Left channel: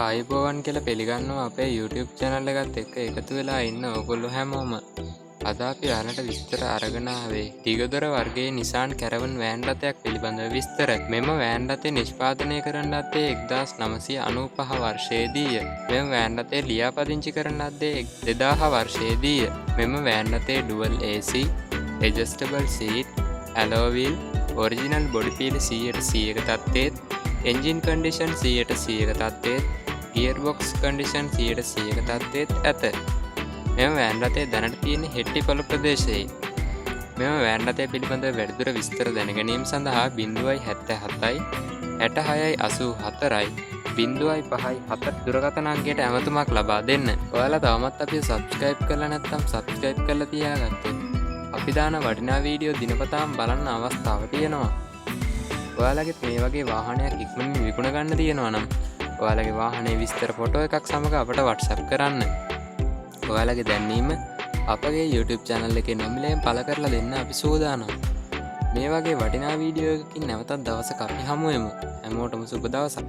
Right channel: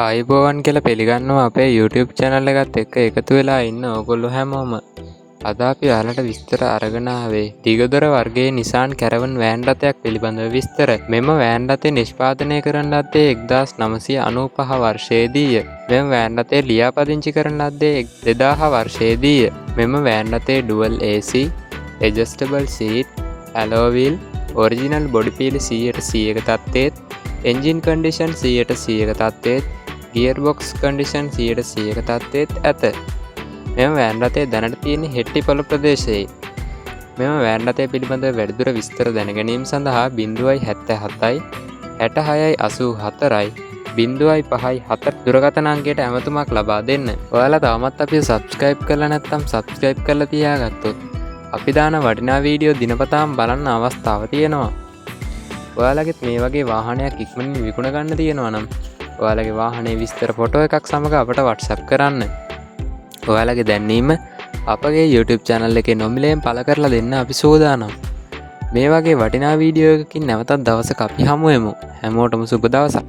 ආයිබෝවන් කියලා පිළිගන්නවා අපේ YouTube channel එකත් එක්ක එකතු වෙලා ඉන්න ඕගොල්ලෝ හැමෝම. අද අපි ඔයාලට විස්තර අරගෙන ආවේ දිගදොර වර්ගයේ Nissan Caravan වෑන් රථයක් පිළිබඳව විස්තර. මෙම වෑන් රථය නිෂ්පාදනය කරන ලද්දේ 1995 වර්ෂයේදීය. මෙම වෑන් රථය ලියාපදිංචි කරන ලද්දේ 2000 වර්ෂයේදීය. මෙම van රථයේ dual AC, adjustable seat, alloy wheel, original body feel 100% තත්ත්වයේත්, engine condition 100% තත්ත්වයේත්, ගියර්බොක්ස් කන්ඩිෂන් 100% තත්ත්වයේත් ඇත. මෙම වෑන් රථය දැනට තියෙන හෙට්ටිපොළ ප්‍රදේශයේ. මෙම වෑන් රථය පිළිබඳව වැඩිදුර විස්තර දැනගැනීම සඳහා 077යි 66යි 84යි 054 දුරකථන අංකයට ඇමතුමක් ලබා දෙන්න. ඔයාලා තවමත් අපිව සබ්ස්ක්‍රයිබ් කරලා නැත්නම් සබ්ස්ක්‍රයිබ් කරලා තියාගත්තොත් අපි දාන වටිනා වීඩියෝ දිනපතාම බලන්න අවස්ථාව තියෙනවා. ඔයාලගෙත් මේ වගේ වාහනයක් ඉක්මනින් විකුණ ගන්න තියෙනවා නම් ඔයාලගේ වාහනේ විස්තර ෆොටෝ එකක් සමග අපට WhatsApp කරන්න. ඔයාලගේ දැන්වීම අපගේ YouTube channel එකේ නොමිලයෙන් පළ කරලා දෙන්න අපි සූදානම්. මේ වගේ වටිනා වීඩියෝ එකකින් නැවතත් දවසක අපි හමු වෙමු. හැමෝටම සුබ දවසක්.